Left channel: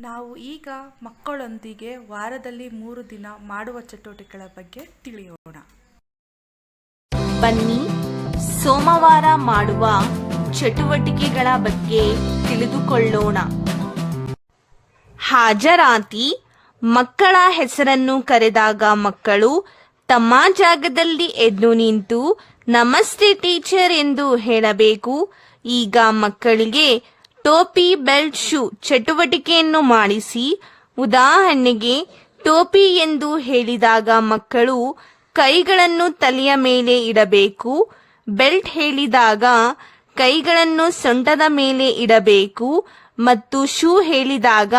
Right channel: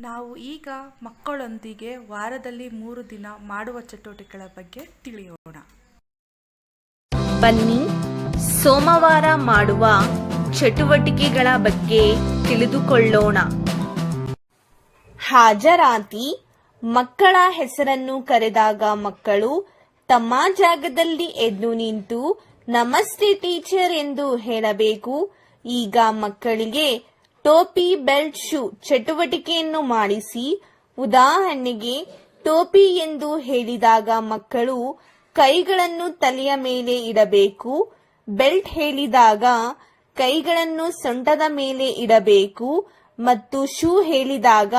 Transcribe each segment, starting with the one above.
ನಾವು ಈಗ ಮಕ್ಕಳೊಂದಿಗೆ ವಾರದಲ್ಲಿ ಮೂರು ದಿನ ಮಾಡುವ ಚಟುವಟಿಕೆಗಳ ಬಗ್ಗೆ ತಿಳಿಯೋಣ. ಬನ್ನಿ, ಸೋಮವಾರ ಮಾಡುವ ಚಟುವಟಿಕೆಗಳ ಬಗ್ಗೆ ತಿಳಿದುಕೊಳ್ಳೋಣ. ಹಾಜರಾತಿ, ಮಕ್ಕಳ ಹೆಸರನ್ನು ಕರೆದಾಗ ಮಕ್ಕಳು ತಮ್ಮ ಜಾಗದಲ್ಲಿ ಎದ್ದು ನಿಂತು, ನಮಸ್ತೆ ಟೀಚರ್ ಎಂದು ಹೇಳಬೇಕು. ಈಗ ಮಕ್ಕಳಿಗೆ ಟೋಪಿ, ಬೆಲ್ಟ್, ಶೂ ಚಟುವಟಿಕೆಯನ್ನು ಮಾಡಿಸಿ, ಉದಾಹರಣೆಗೆ, ಟೋಪಿ ಎಂದು ಹೇಳಿದಾಗ ಮಕ್ಕಳು ಕೈಗಳನ್ನು ತಲೆಯ ಮೇಲೆ ಇಡಬೇಕು, ಬೆಲ್ಟ್ ಹೇಳಿದಾಗ ಕೈಗಳನ್ನು ಸೊಂಟದ ಮೇಲೆ ಇಡಬೇಕು ಮತ್ತು ಶೂ ಹೇಳಿದಾಗ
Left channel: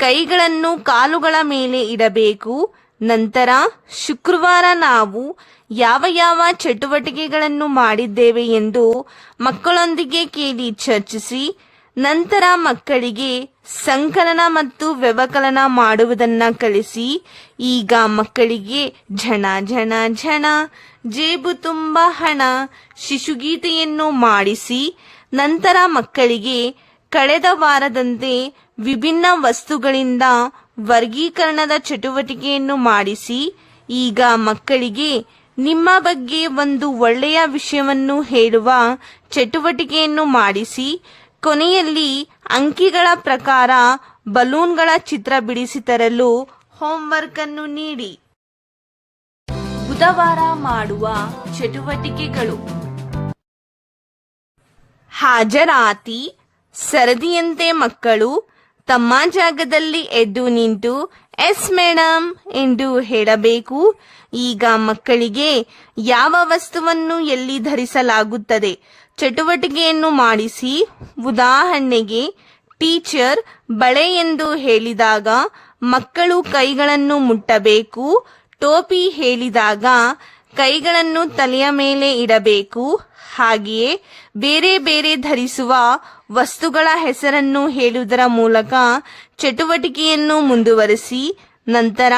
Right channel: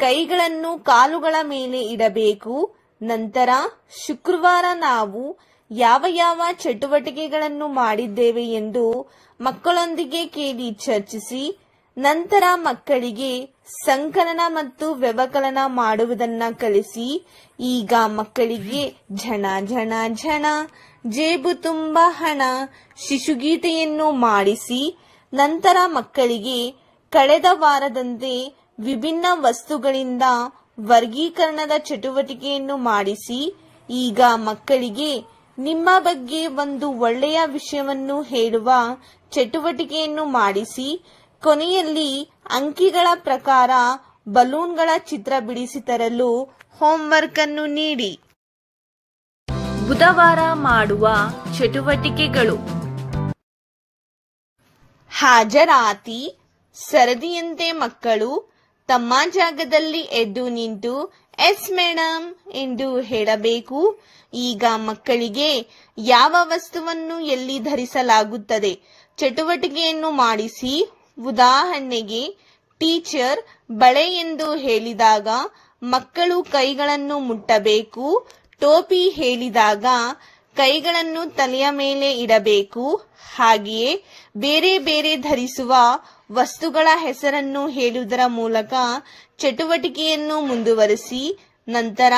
ಕೈಗಳನ್ನು ಕಾಲುಗಳ ಮೇಲೆ ಇಡಬೇಕು. ನಂತರ, ಶುಕ್ರವಾರ ನಾವು ಯಾವ ಯಾವ ಚಟುವಟಿಕೆಗಳನ್ನು ಮಾಡಿದ್ದೇವೆ ಎಂದು ಮಕ್ಕಳೊಂದಿಗೆ ಕೇಳಿ ಚರ್ಚಿಸಿ ನಂತರ ಮಕ್ಕಳಿಗೆ ಸಂಕಲನ ಮತ್ತು ವ್ಯವಕಲನ ಮಾಡುವುದನ್ನ ಕಲಿಸಿ, ಈಗ ಮಕ್ಕಳಿಗೆ ಝಣ ಝಣ ಝಣ, ಜೇಬು ತುಂಬ ಹಣ, ಶಿಶುಗೀತೆಯನ್ನು ಮಾಡಿಸಿ, ನಂತರ ಮಕ್ಕಳಿಗೆ ಕಳೆದ ವಾರದಂತೆ ವಿಭಿನ್ನ ವಸ್ತುಗಳಿಂದ ವರ್ಗೀಕರಣದ ಚಟುವಟಿಕೆಯನ್ನು ಮಾಡಿಸಿ, ಈಗ ಮಕ್ಕಳಿಗೆ ನಿಮ್ಮ ಬಗ್ಗೆ ಒಂದು ಒಳ್ಳೆಯ ವಿಷಯವನ್ನು ಹೇಳುವ ಚಟುವಟಿಕೆಯನ್ನು ಮಾಡಿಸಿ ಕೊನೆಯಲ್ಲಿ ಅಂಕಿಗಳ ಪ್ರಕಾರ ಬಲೂನ್ಗಳ ಚಿತ್ರ ಬಿಡಿಸಿ ತರಲು ಹೋಮ್ವರ್ಕ್ ಅನ್ನು ನೀಡಿ. ಬುಧವಾರ ಮಾಡುವ ಚಟುವಟಿಕೆಗಳು. ಹಾಜರಾತಿ, ಸರದಿಯಂತೆ ಮಕ್ಕಳು, ತಮ್ಮ ಜಾಗದಲ್ಲಿ ಎದ್ದು ನಿಂತು, ಎಸ್ ಮೇಡಮ್ ಎಂದು ಹೇಳಬೇಕು. ಈಗ ಮಕ್ಕಳಿಗೆ ಯಾವ ವಸ್ತುವನ್ನು ಎಲ್ಲಿ ಧರಿಸಲಾಗುತ್ತದೆ? ಚಟುವಟಿಕೆಯನ್ನು ಮಾಡಿಸಿ ಉದಾಹರಣೆಗೆ ಟೀಚರ್ ಬಳೆ ಎಂದು ಹೇಳಿದಾಗ ಮಕ್ಕಳು ಕೈಗಳನ್ನು ಮುಟ್ಟಬೇಕು. ಟೋಪಿ ಹೇಳಿದಾಗ ಕೈಗಳನ್ನು ತಲೆಯ ಮೇಲೆ ಇಡಬೇಕು. ಹಾಗೆಯೇ ಬೇರೆ ಬೇರೆ ಧರಿಸುವ ವಸ್ತುಗಳ ಹೆಸರನ್ನು ಹೇಳುವುದರ ಮೂಲಕ ಚಟುವಟಿಕೆಯನ್ನು ಮುಂದುವರಿಸಿ. ನಂತರ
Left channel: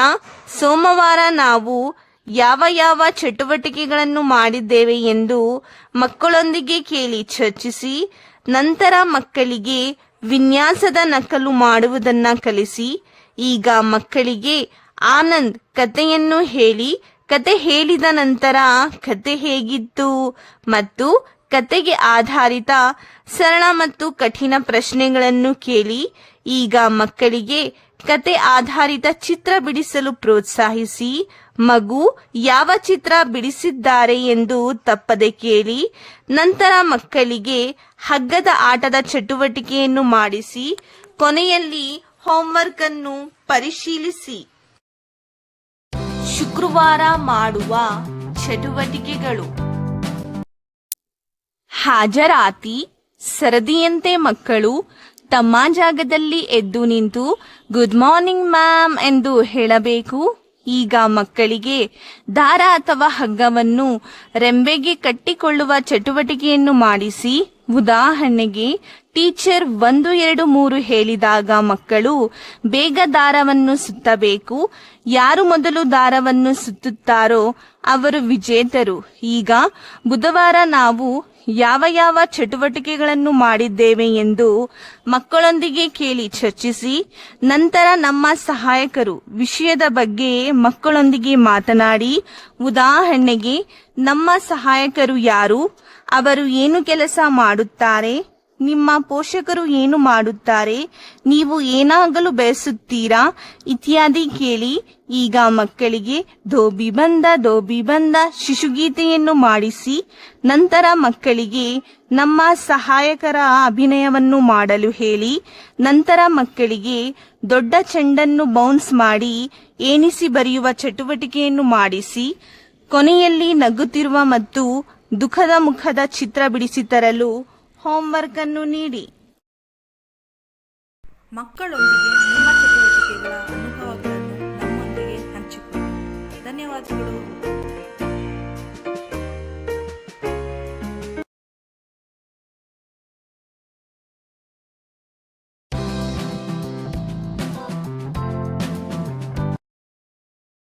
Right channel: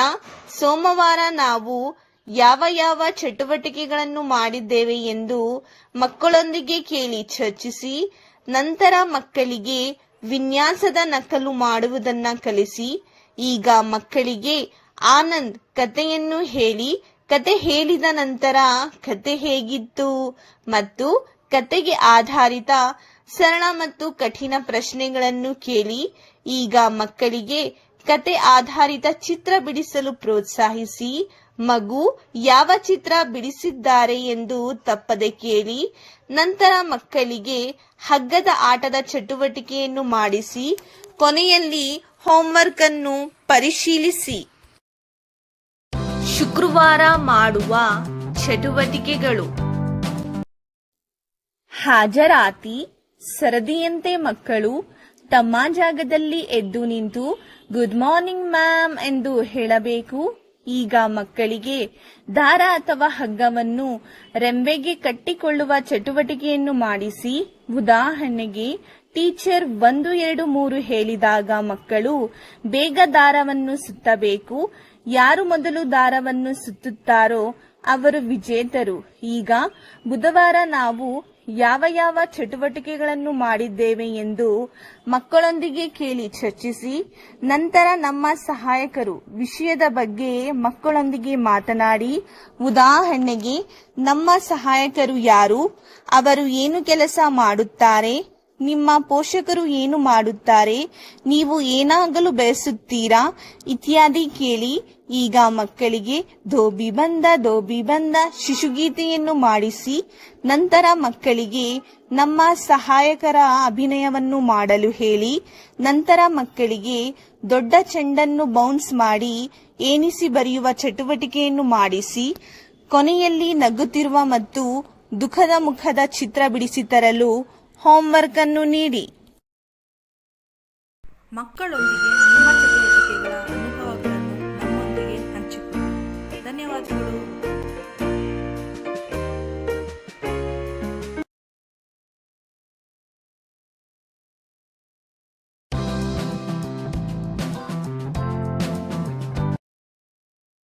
ಸೋಮವಾರ ನಾವು ಯಾವ ಯಾವ ಚಟುವಟಿಕೆಗಳನ್ನು ಮಾಡಿದ್ದೇವೆ ಎಂದು ಮಕ್ಕಳೊಂದಿಗೆ ಕೇಳಿ ಚರ್ಚಿಸಿ, ನಂತರ ಮಕ್ಕಳಿಗೆ ವಿನ್ಯಾಸದ ನಕಲು ಮಾಡುವುದನ್ನ ಕಲಿಸಿ, ಈಗ ಮಕ್ಕಳಿಗೆ ಆನಂದ್ ಕತೆಯನ್ನು ಹೇಳಿ ಕತೆ ಹೇಳಿದ ನಂತರ ಕತೆ ಹೇಗಿತ್ತು ಮತ್ತು ಕತೆಗೆ ಆಧಾರಿತ ಸರಳ ಮತ್ತು ಕಠಿಣ ಪ್ರಶ್ನೆಗಳನ್ನು ಕೇಳಿ, ಈಗ ಮಕ್ಕಳಿಗೆ ಕತೆ ಆಧಾರಿತ ಚಿತ್ರ ಬಿಡಿಸಲು ಪ್ರೋತ್ಸಾಹಿಸಿ ಮಗು ಯಾವ ಚಿತ್ರ ಬಿಡಿಸಿದ್ದಾರೆ ಎಂದು ತಪ್ಪದೆ ಕೇಳಿ ನಂತರ ಮಕ್ಕಳಿಗೆ ಹಗ್ಗದ ಆಟದ ಚಟುವಟಿಕೆಯನ್ನು ಮಾಡಿಸಿ, ಕೊನೆಯಲ್ಲಿ ಹೋಂವರ್ಕ್ ಅನ್ನು ಪರಿಶೀಲಿಸಿ. ಶುಕ್ರವಾರ ಮಾಡುವ ಚಟುವಟಿಕೆಗಳು. ಹಾಜರಾತಿ, ಸರದಿಯಂತೆ ಮಕ್ಕಳು ತಮ್ಮ ಜಾಗದಲ್ಲಿ ಎದ್ದು ನಿಂತು ಗುಡ್ ಮಾರ್ನಿಂಗ್ ಮ್ಯಾಮ್ ಎಂದು ಹೇಳಬೇಕು. ಈಗ ಮಕ್ಕಳಿಗೆ ದಾರ ಅಥವಾ ಹಗ್ಗವನ್ನು ರೆಂಬೆಗೆ ಕಟ್ಟಿಕೊಳ್ಳುವ ಚಟುವಟಿಕೆಯನ್ನು ಮಾಡಿಸಿ ಉದಾಹರಣೆಗೆ ಟೀಚರ್ ಒಂದು, ಎರಡು, ಮೂರು ಹೇಳಿದಾಗ ಮಕ್ಕಳು ಬೇಗ ದಾರವನ್ನು ಸುತ್ತಬೇಕು. ಯಾರು ಮೊದಲು ದಾರವನ್ನು ಸುತ್ತುತ್ತಾರೋ ಅವರು ವಿಜೇತರು. ಈಗ ಬುಧವಾರ ನಾವು ಯಾವ ಯಾವ ಚಟುವಟಿಕೆಗಳನ್ನು ಮಾಡಿದ್ದೇವೆ ಎಂದು ಮಕ್ಕಳೊಂದಿಗೆ ಕೇಳಿ ಚರ್ಚಿಸಿ, ನಂತರ ನಮ್ಮ ಸಹಾಯಕರು ವಿಷಯದ ಬಗ್ಗೆ ಮಕ್ಕಳೊಂದಿಗೆ ಮಾತನಾಡಿ, ಉದಾಹರಣೆಗೆ ನಮ್ಮ ಸಹಾಯಕರು ಯಾರು, ಅವರು ಏನು ಕೆಲಸ ಮಾಡುತ್ತಾರೆ ನಿಮ್ಮ ಪೋಷಕರು ಏನು ಮಾಡುತ್ತಾರೆ? ನೀವು ಏನಾಗಲು ಬಯಸುತ್ತೀರಾ? ಇತ್ಯಾದಿ ಕೇಳಿ ಈಗ ಮಕ್ಕಳಿಗೆ ಧೋಬಿ ಬಂದ ಧೋಬಿ ಬಂದ ಶಿಶುಗೀತೆಯನ್ನು ಮಾಡಿಸಿ, ನಂತರ ಮಕ್ಕಳಿಗೆ ನಮ್ಮ ಸಹಾಯಕರ ಅಭಿನಯವನ್ನು ಮಾಡಲು ಹೇಳಿ, ನಂತರ ಮಕ್ಕಳಿಗೆ ದೊಡ್ಡ ಚೆಂಡನ್ನು ಬೌನ್ಸ್ ಮಾಡಿ ಏನಿಸಿ ಬರೆಯುವ ಚಟುವಟಿಕೆಯನ್ನು ಮಾಡಿಸಿ, ಕೊನೆಯಲ್ಲಿ ನಗುತ್ತಿರುವ ಮತ್ತು ದುಃಖದ ಮುಖದ ಚಿತ್ರ ಬಿಡಿಸಿ ತರಲು ಹೋಂವರ್ಕ್ ಅನ್ನು ನೀಡಿ. ಮಕ್ಕಳೊಂದಿಗೆ ನಿಮ್ಮ ಚಟುವಟಿಕೆಗಳ ಅನುಭವಗಳನ್ನು ನಮ್ಮೊಂದಿಗೆ ಹಂಚಿಕೊಳ್ಳಿ. ಧನ್ಯವಾದಗಳು.